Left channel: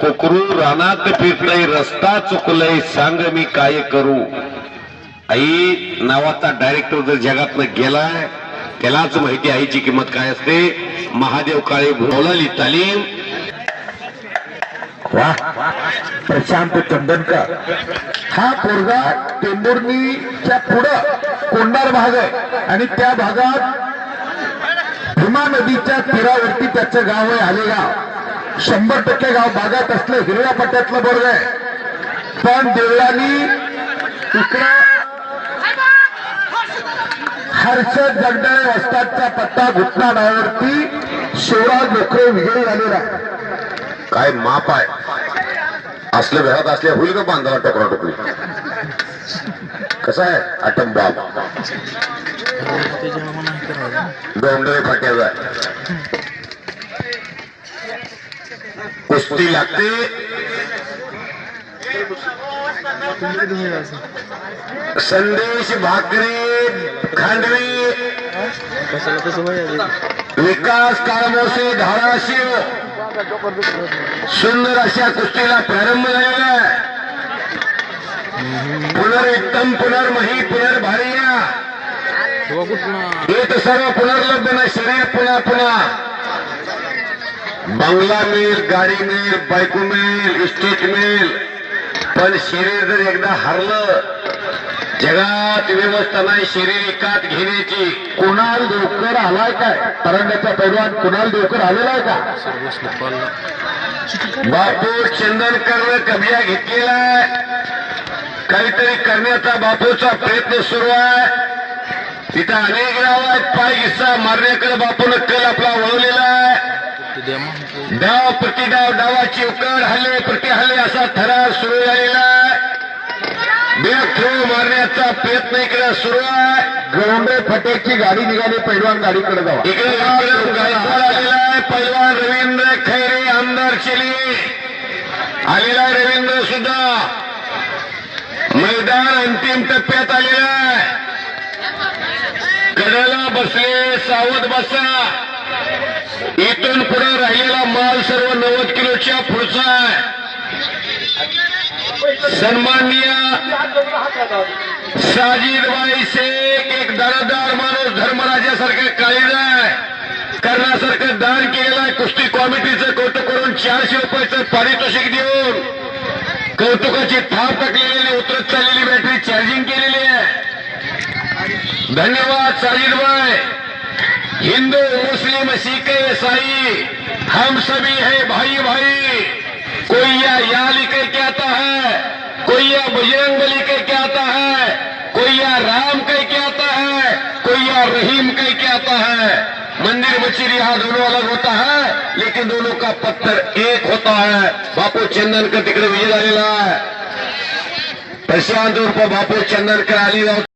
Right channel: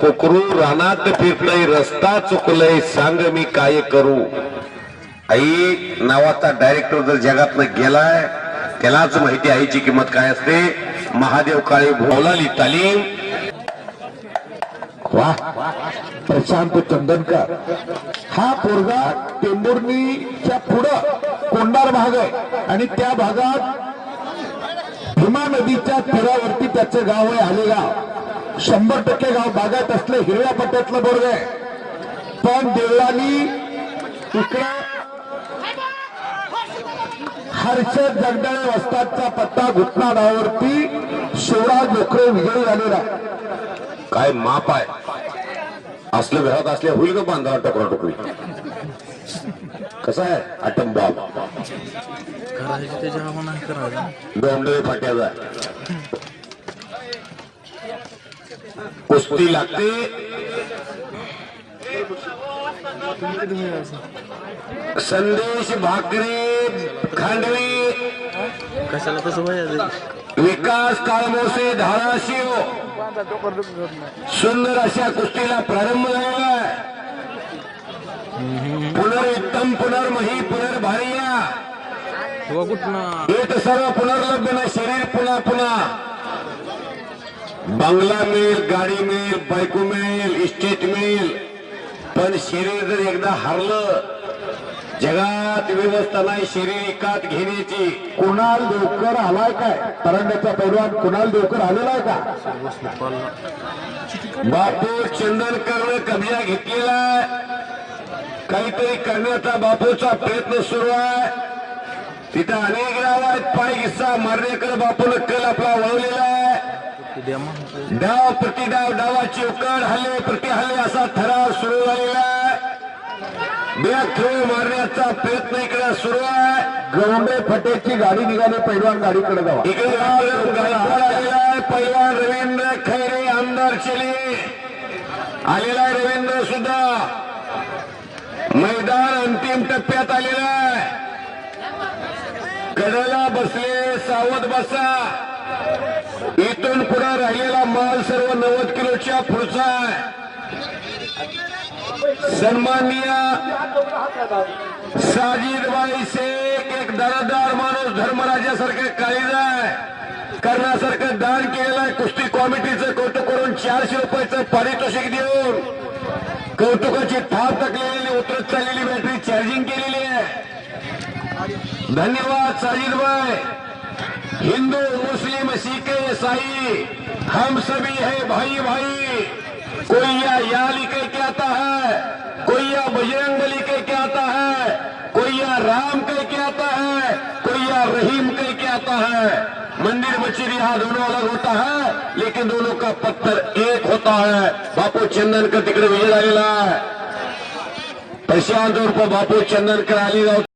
कोकरू रानात फिरतय रस्ता चुकलय सांग मी काय करू. आई नावाचा डायरेक्टर जर जगातनं गेलाय त्यालाच माहिती आईची किंमत काय असते. महादेव काळे भोवलाली तालीम. वाह, प्रशांत चंदनकर हा पोरगा टेंभुर्णीच्या पुढं कोंडार भाग आहे आणि त्या भागात भीमा नदीच्या तीरावरती त्याचं गाव आहे आलेगाव. 100% गाव बागात असलं हिरव्या पट्ट्यातलं बोर्ग आहे. पण देवळानी इकडं हर्षद जगदाळे वस्तादचा पट्टा घुटना डायवरती शिवराज लोकरे विजयी झालेला आहे. काय माप आहे असलं घरात असल्या होईल का बांधाला टोकरा टोकरी. कसा आहे आटम बाब दोंडरे फाट्याचा कुस्ती लागते. संदेश भाकरे खांडवी कशाला तसं व्हायला. विकास काळमोसे धाराशिव सुंदर अशा कुस्तीला प्रारंभ झालेला आहे. पुनर्युत्तम पुनर्मही पुनर्भार्या हे तर सर्व पुनर्लब्ध शरीर पुन्हा पुन्हा. बंगला मिळेल, गाडी मिळेल, बायको मिळेल, इस्टेट मिळेल, पण शरीर जर एकदा हरलं जगात व्यवस्था नाही शरीर एकात घेण्याची. कुणाल देवकर आलाय काय तरंगाच्या पैलवान कुणाल देवकर आलेला आहे का. बापू चंदनकर कब्जा घेतलेला आहे. काहीतरी करण्याचा बापूचा प्रयत्न सुरू आहे. तिथं अनेक गाव आहेत. पाय हिस्सा मारण्याकडे बापून कल आपला वळवलेला आहे. डाव प्रतिडाव डावाची उकड हल्ले प्रति हल्ले असा थरार सुरू झालेला आहे. बॅक थ्रो मारण्याचा प्रयत्न इकडे सुरू आहे. गवंडे फटेची गाडी निघाली पैलवान गाडीकडे जावा. इकडे गायकवाड आलेला आहे. पैलवान रवींद्र खैरे आमदार चिली आलेला आहे. रवींद्र सुद्धा मैदान अंतिम टप्प्यात आलेला आहे. कडेला बसले सावध बसा. इथून पुढे राहिलेला माल सर्व 90 किलोच्या पुढचा आहे. सन्माननीय साजिदबाई शेख एक दरदार माणूस धर्मराजासारखे काळीज आहे करण्यासारखं दान केलेलं आहे. कुस्ती कमिटीचं कौतुक करून 400 रुपयाचं पारितोषिक देऊन कौतुकाची थाप टाकलेली उतरत चाललेली बॅटरी चार्जिंग केलेली आहे. धन्यवाद साजिदबाई. हिंदू मुस्लिम सिख ईसाई हम सभी है भाई भाई. कोई या लिखे क्या आता है, कोई या बजरंग बली कह के आता है, कोई या राम कह के आता है, कोई या रहीम कह के आता है. मंदिर मस्जिद यहाँ दोनों अलग होता है लेकिन दोनों का पत्थर एक होता है. बापू चंदनकर तिकडे विजय झालेला आहे. प्रशांत उर्फ बापू चंदनकर आलेगाव.